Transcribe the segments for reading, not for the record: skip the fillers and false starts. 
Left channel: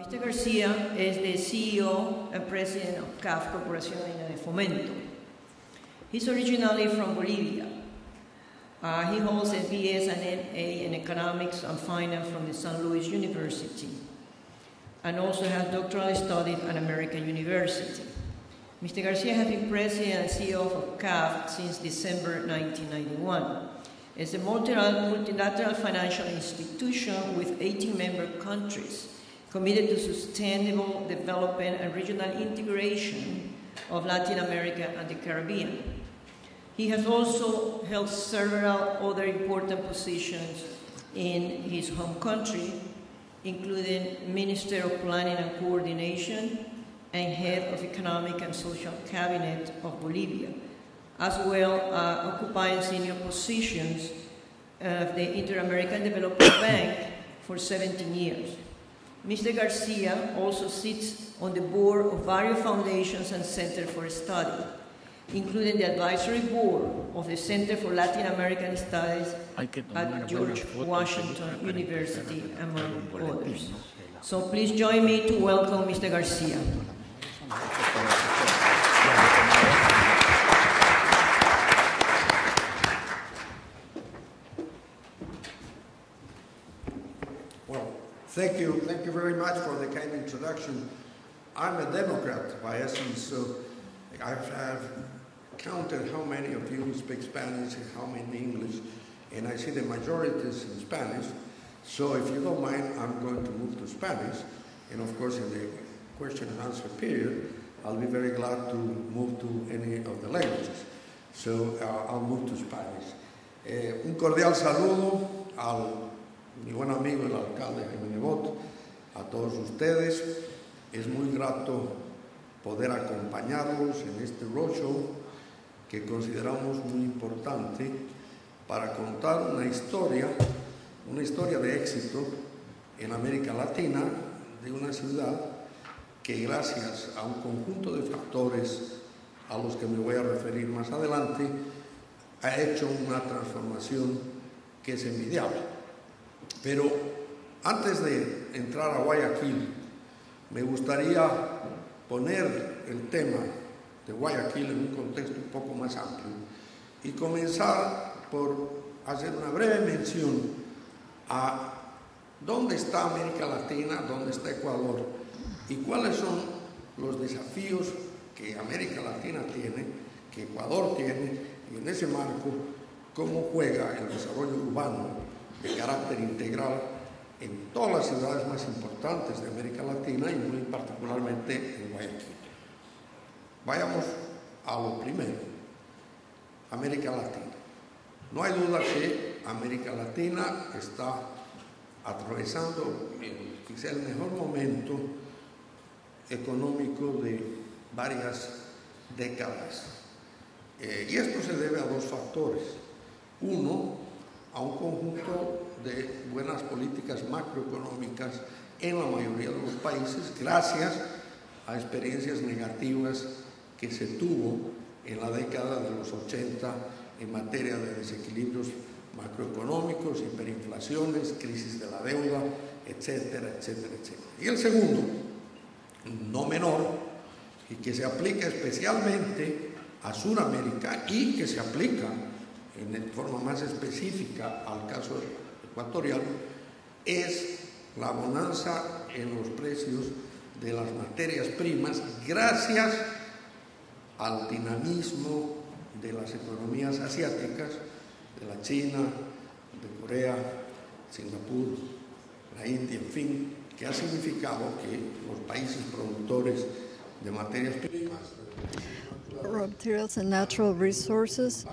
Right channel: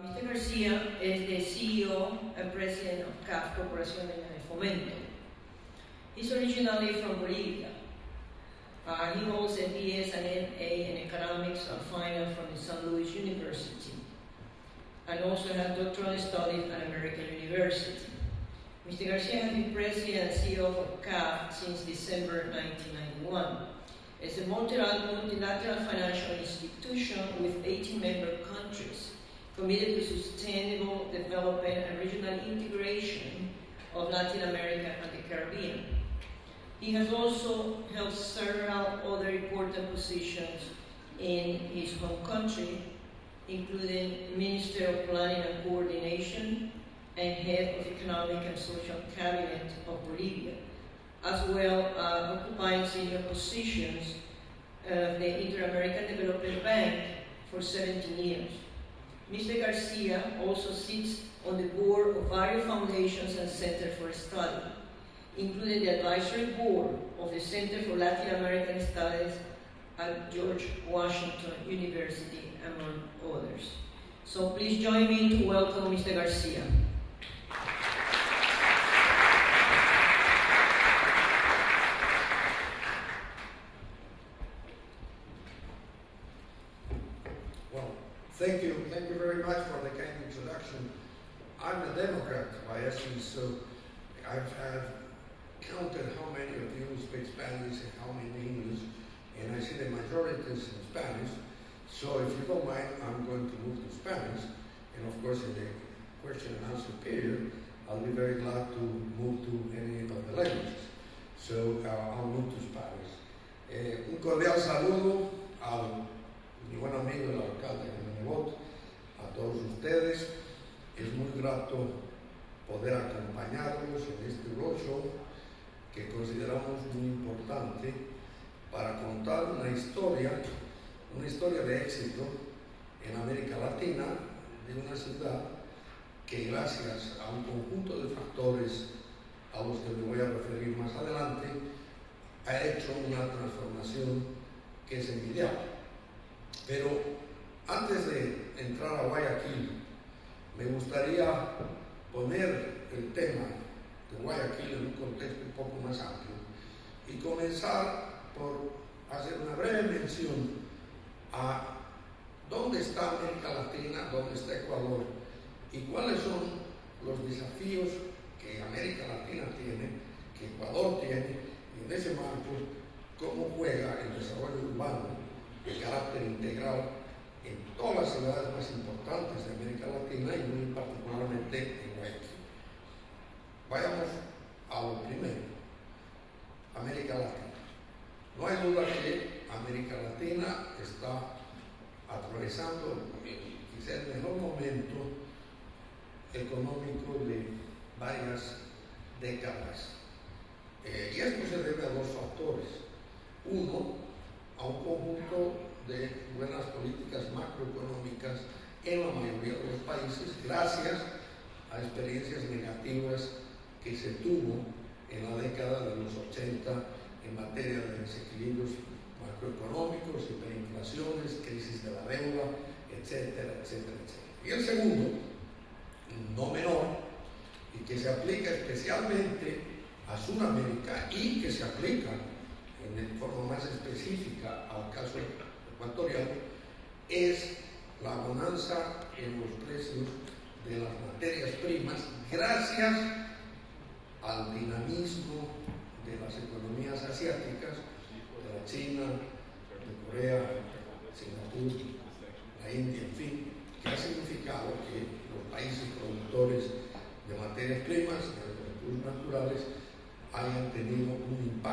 Mr. Garcia is the CEO and president of CAF Corporación de Fomento. He's originally from Bolivia. He holds a BS and MA in economics and finance from the St. Louis University, and also has doctoral studies at American University. Mr. Garcia has been president and CEO of CAF since December 1991. It's a multilateral financial institution with 80 member countries committed to sustainable development and regional integration of Latin America and the Caribbean. He has also held several other important positions in his home country, including Minister of Planning and Coordination and Head of Economic and Social Cabinet of Bolivia, as well occupying senior positions of the Inter-American Development Bank for 17 years. Mr. Garcia also sits on the board of various foundations and centers for study, including the advisory board of the Center for Latin American Studies at George Washington University, among others. So please join me to welcome Mr. Garcia. Thank you very much for the kind introduction. I'm a Democrat by essence, so I've counted how many of you speak Spanish and how many English, and I see the majority is in Spanish. So if you don't mind, I'm going to move to Spanish, and of course in the question and answer period, I'll be very glad to move to any of the languages. So I'll move to Spanish. Un cordial saludo al mi buen amigo el alcalde Jaime Nebot, a todos ustedes. Es muy grato poder acompañarlos en este roadshow que consideramos muy importante para contar una historia de éxito en América Latina de una ciudad que gracias a un conjunto de factores a los que me voy a referir más adelante ha hecho una transformación que es envidiable. Pero antes de entrar a Guayaquil, me gustaría poner el tema de Guayaquil en un contexto un poco más amplio y comenzar por hacer una breve mención a dónde está América Latina, dónde está Ecuador y cuáles son los desafíos que América Latina tiene, que Ecuador tiene, y en ese marco, cómo juega el desarrollo urbano de carácter integral en todas las ciudades más importantes de América Latina y muy particularmente en Guayaquil. Vayamos a lo primero, América Latina. No hay duda que América Latina está atravesando quizá el mejor momento económico de varias décadas. Y esto se debe a dos factores. Uno, a un conjunto de buenas políticas macroeconómicas en la mayoría de los países, gracias a experiencias negativas que se tuvo en la década de los 80 en materia de desequilibrios macroeconómicos, hiperinflaciones, crisis de la deuda, etcétera, etcétera, etcétera. Y el segundo, no menor, y que se aplica especialmente a Sudamérica y que se aplica de forma más específica al caso ecuatorial, es la bonanza en los precios de las materias primas gracias al dinamismo de las economías asiáticas, de la China, de Corea, Singapur, la India, en fin, que ha significado que los países productores de materias primas, raw materials and natural resources,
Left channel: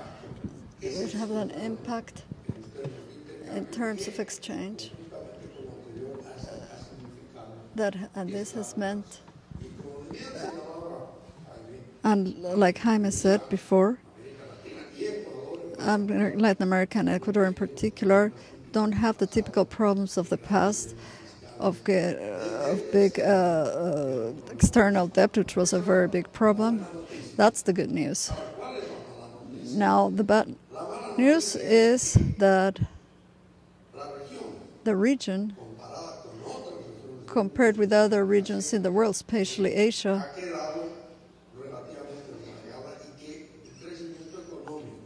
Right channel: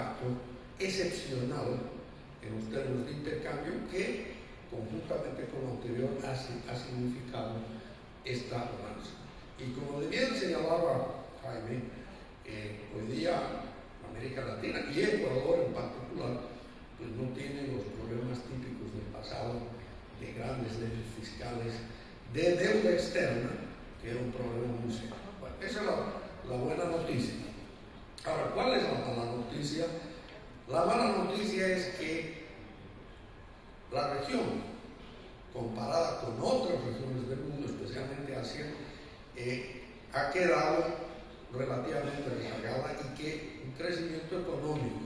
it have an impact in terms of exchange. And this has meant, and like Jaime said before, Latin America and Ecuador in particular don't have the typical problems of the past of big external debt, which was a very big problem. That's the good news. Now, the bad news is that the region, compared with other regions in the world, especially Asia,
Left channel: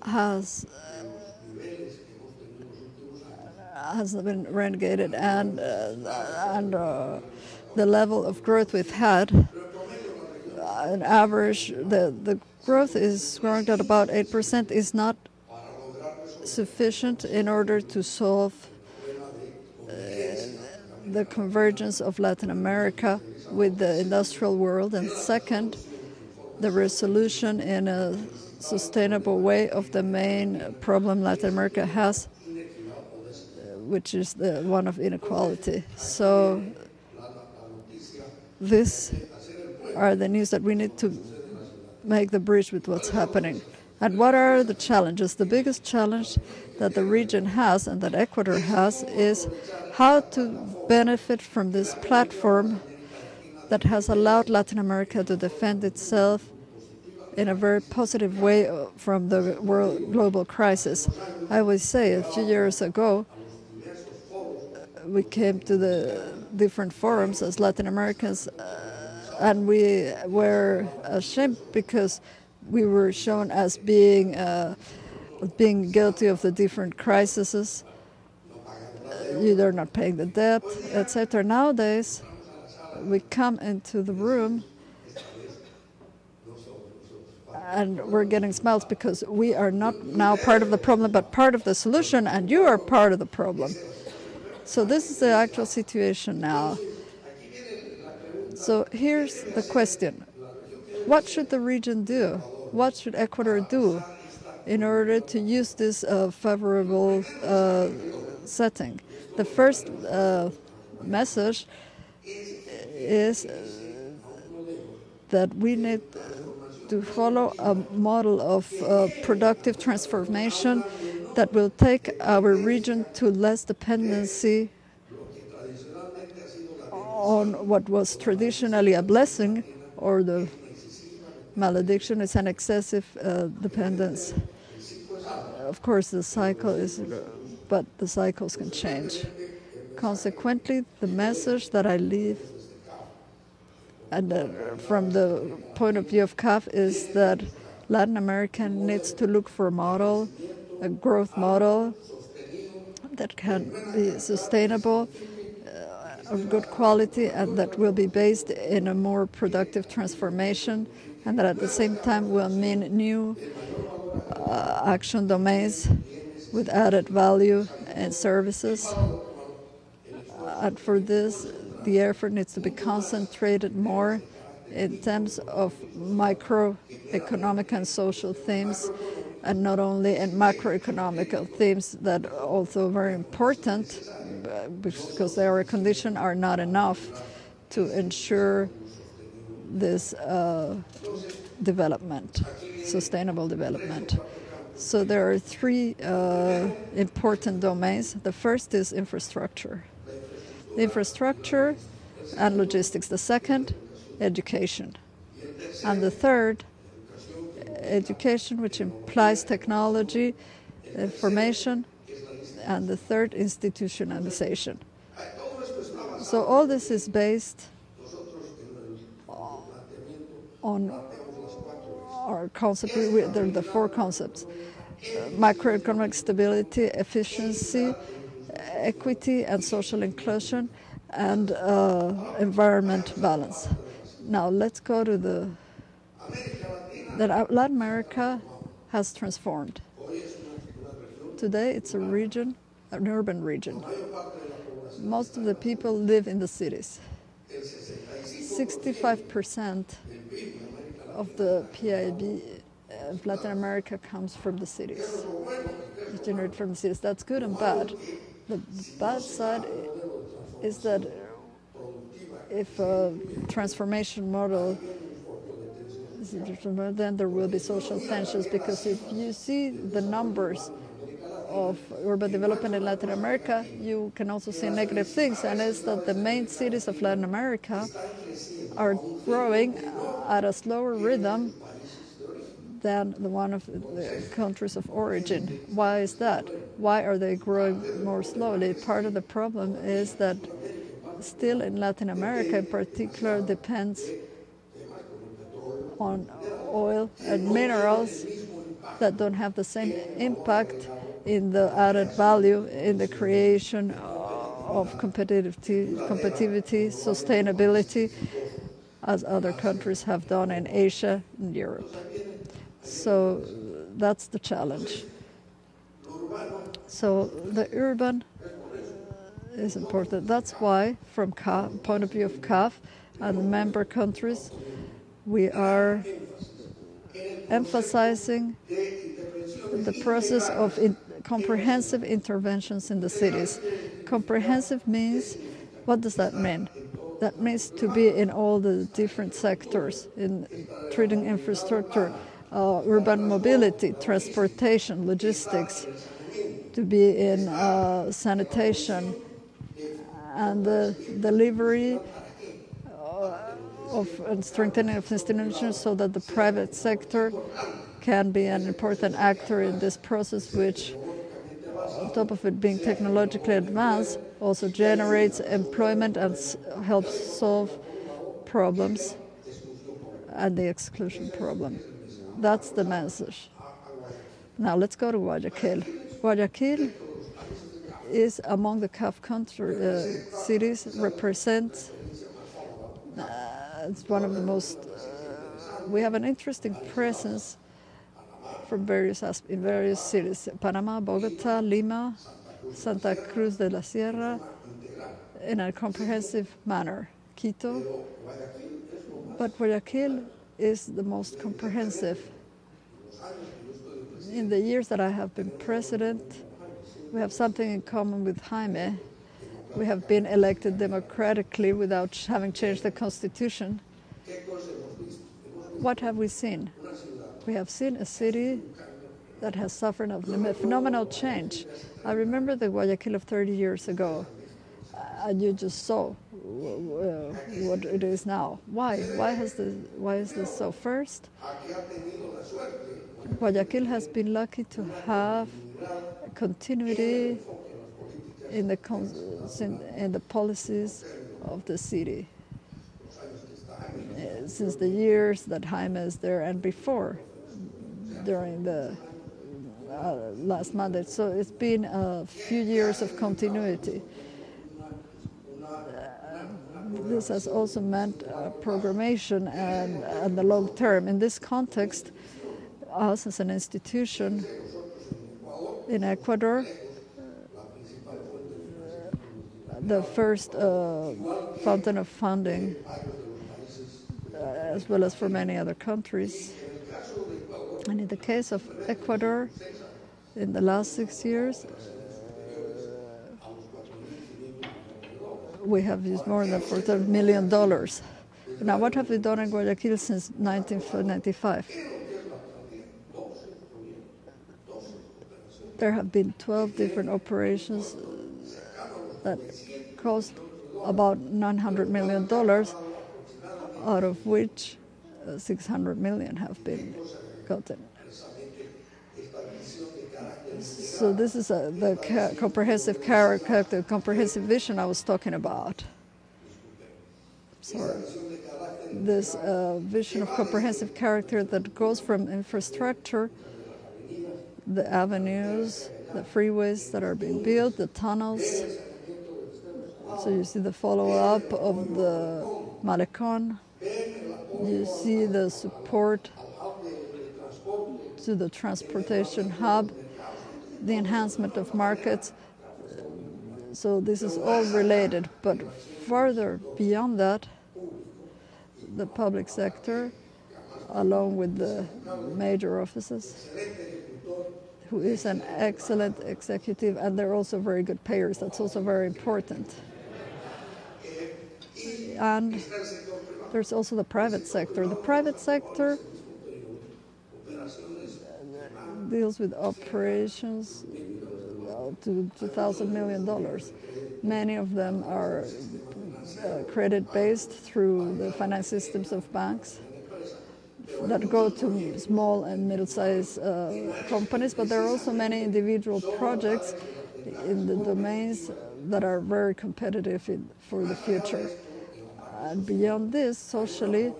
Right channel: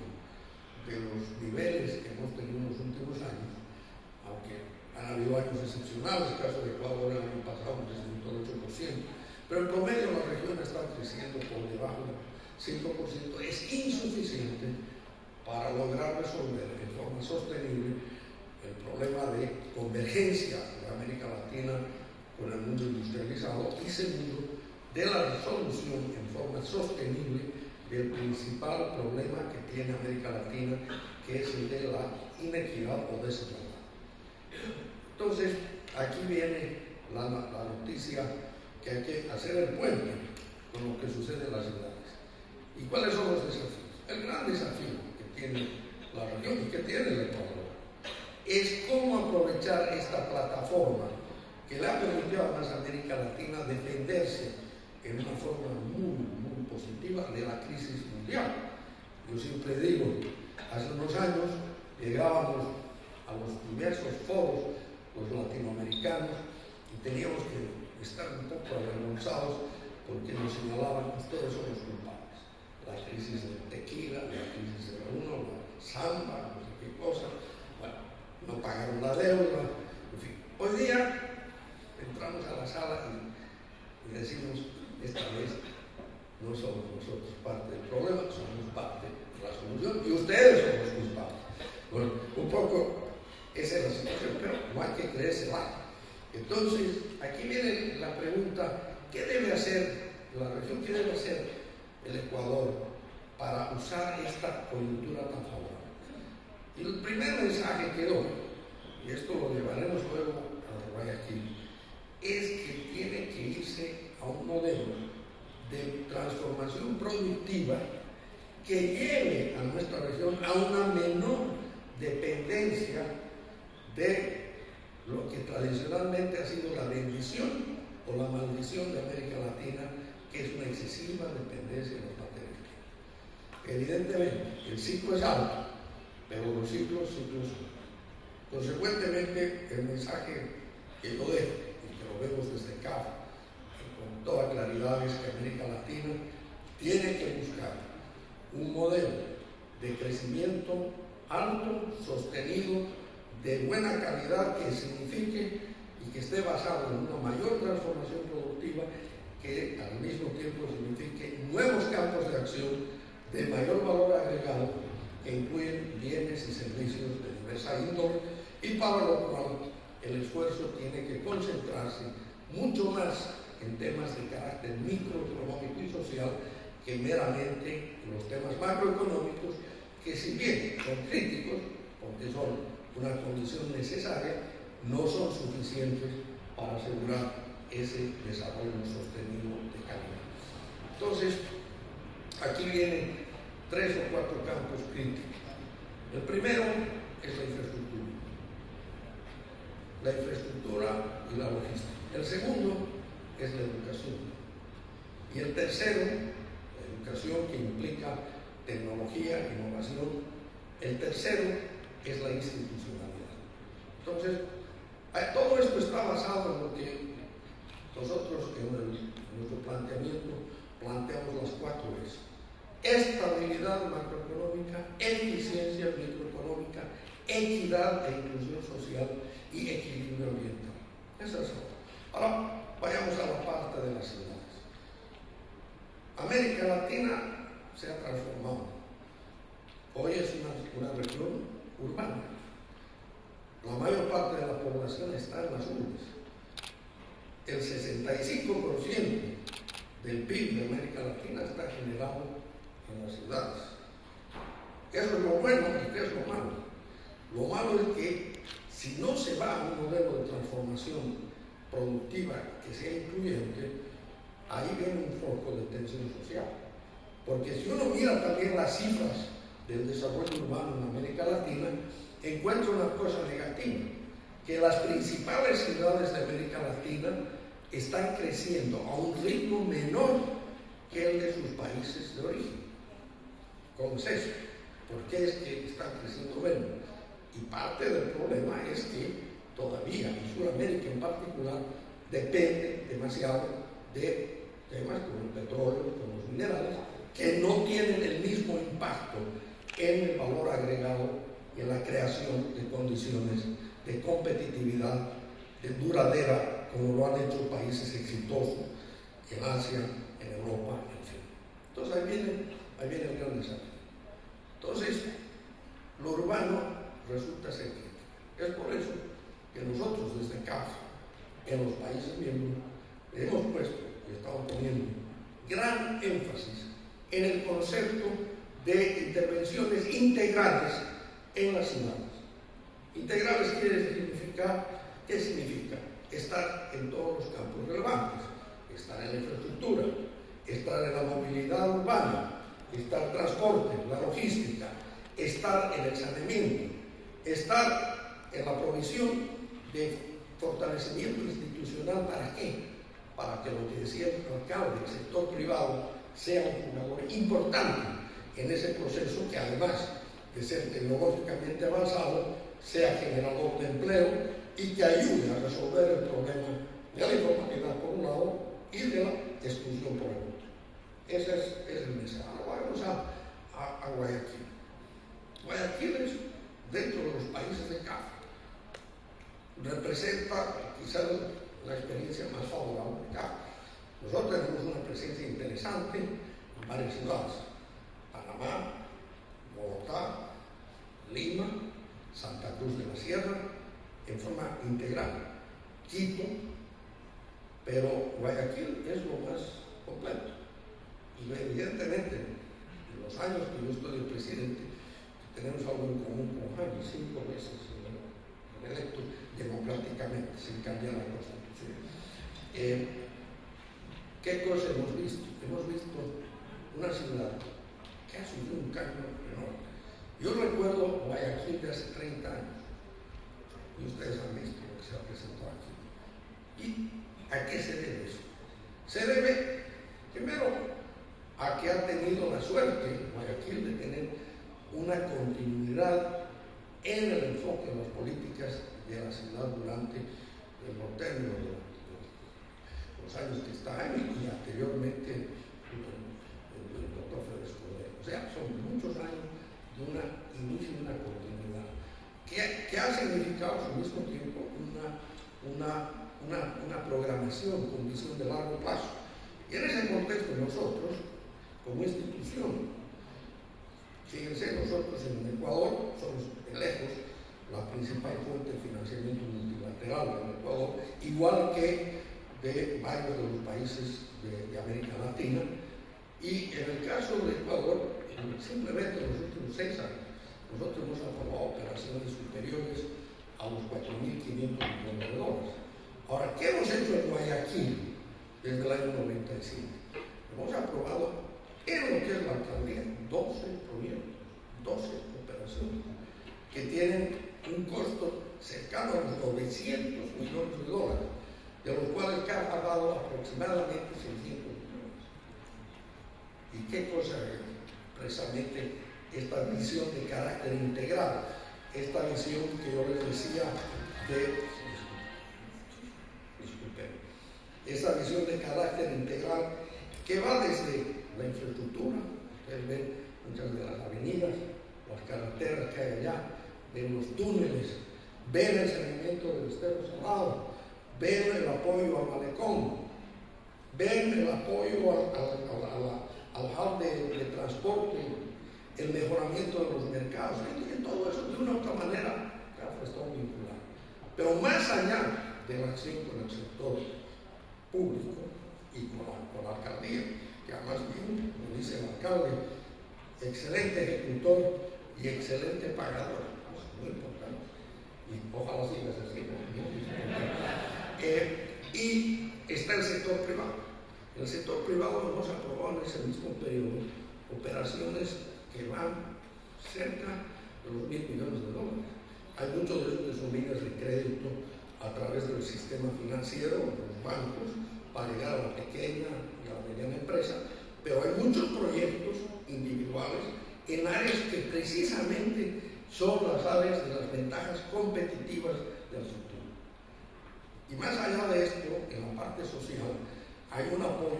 has been renegated, and the level of growth we've had, on average, the growth is growing at about 8%, is not sufficient in order to solve the convergence of Latin America with the industrial world, and second, the resolution in a sustainable way of the main problem Latin America has, which is the one of inequality. So these are the news that we need to make the bridge with what's happening. And what are the challenges? The biggest challenge that the region has and that Ecuador has is how to benefit from this platform that has allowed Latin America to defend itself in a very positive way from the global crisis. I would say a few years ago, we came to the different forums as Latin Americans, and we were ashamed because we were shown as being guilty of the different crises. Either not paying the debt, etc. Nowadays, we come into the room and we're getting smiles because we are not now part of the problem, but part of the solution, and you are part of the problem. So this is the actual situation now. So here's the question. What should the region do? What should Ecuador do in order to use this favorable setting? The first message is that we need to follow a model of productive transformation that will take our region to less dependency on what was traditionally a blessing, or the malediction is an excessive dependence. Of course, the cycle is, but the cycles can change. Consequently, the message that I leave, and from the point of view of CAF, is that Latin America needs to look for a model, a growth model that can be sustainable, of good quality, and that will be based in a more productive transformation, and that at the same time will mean new action domains with added value and services. And for this, the effort needs to be concentrated more in terms of microeconomic and social themes, and not only in macroeconomic themes that are also very important, because their conditions are not enough to ensure this development, sustainable development. So there are three important domains. The first is infrastructure. Infrastructure and logistics. The second, education. And the third, education, which implies technology, information, and the third, institutionalization. So all this is based on our concept, the four concepts: macroeconomic stability, efficiency, equity and social inclusion, and environment balance. Now let's go to Latin America has transformed. Today it's a region, an urban region. Most of the people live in the cities. 65% of the PIB of Latin America comes from the cities. It's generated from the cities. That's good and bad. The bad side is that if a transformation model is then there will be social tensions, because if you see the numbers of urban development in Latin America, you can also see negative things, and it's that the main cities of Latin America are growing at a slower rhythm than the one of the countries of origin. Why is that? Why are they growing more slowly? Part of the problem is that still in Latin America in particular depends on oil and minerals that don't have the same impact in the added value in the creation of competitivity, sustainability, as other countries have done in Asia and Europe. So that's the challenge. So the urban is important. That's why, from point of view of CAF and member countries, we are emphasizing the process of comprehensive interventions in the cities. Comprehensive means, what does that mean? That means to be in all the different sectors, in treating infrastructure, urban mobility, transportation, logistics, to be in sanitation, and the delivery of and strengthening of institutions so that the private sector can be an important actor in this process, which, on top of it being technologically advanced, also generates employment and helps solve problems and the exclusion problem. That's the message. Now let's go to Guayaquil. Guayaquil is among the CAF cities, represents it's one of the most, we have an interesting presence from in various cities, Panama, Bogota, Lima, Santa Cruz de la Sierra, in a comprehensive manner, Quito, but Guayaquil is the most comprehensive. In the years that I have been president, we have something in common with Jaime. We have been elected democratically without having changed the constitution. What have we seen? We have seen a city that has suffered a phenomenal change. I remember the Guayaquil of 30 years ago, and you just saw what it is now. Why? Why is this so? First, Guayaquil has been lucky to have continuity in the policies of the city since the years that Jaime is there and before, during the last mandate. So it's been a few years of continuity. This has also meant programmation and the long term. In this context, us as an institution in Ecuador, the first fountain of funding, as well as for many other countries. And in the case of Ecuador, in the last 6 years, we have used more than $14 million. Now, what have we done in Guayaquil since 1995? There have been 12 different operations that cost about $900 million, out of which 600 million have been gotten. So this is the comprehensive character, comprehensive vision I was talking about. So this vision of comprehensive character that goes from infrastructure, the avenues, the freeways that are being built, the tunnels. So you see the follow-up of the Malecón. You see the support to the transportation hub, the enhancement of markets. So this is all related. But further beyond that, the public sector, along with the major offices, who is an excellent executive, and they're also very good payers. That's also very important. And there's also the private sector. The private sector deals with operations to $2,000 million. Many of them are credit-based through the finance systems of banks. that go to small and middle-sized companies, but there are also many individual projects in the domains that are very competitive for the future. And beyond this, socially,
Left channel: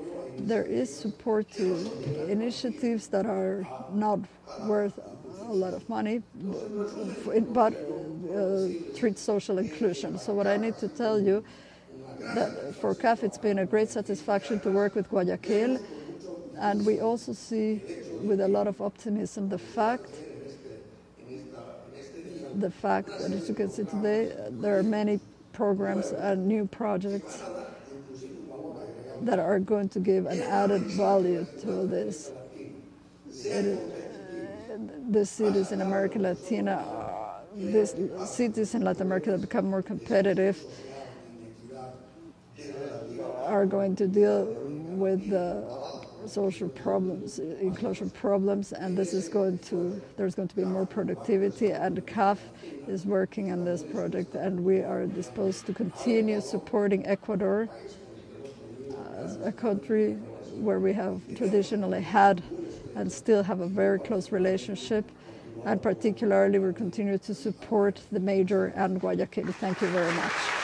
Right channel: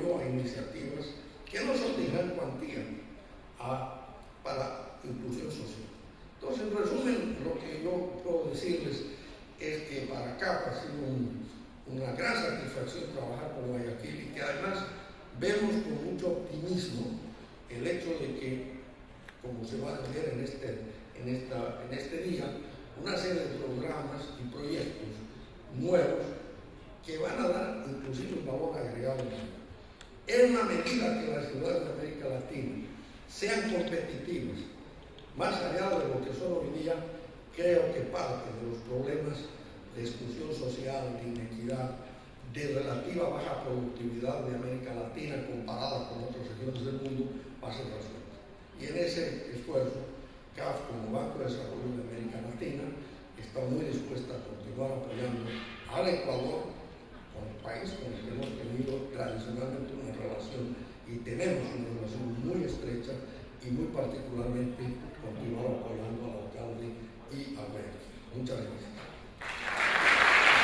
there is support to initiatives that are not worth a lot of money, but treat social inclusion. So what I need to tell you, that for CAF it's been a great satisfaction to work with Guayaquil, and we also see with a lot of optimism the fact, as you can see today, there are many programs and new projects that are going to give an added value to this. The cities in America Latina, these cities in Latin America that become more competitive are going to deal with social problems, inclusion problems, and there's going to be more productivity, and CAF is working on this project, and we are disposed to continue supporting Ecuador, a country where we have traditionally had and still have a very close relationship, and particularly we continue to support the major and Guayaquil. Thank you very much.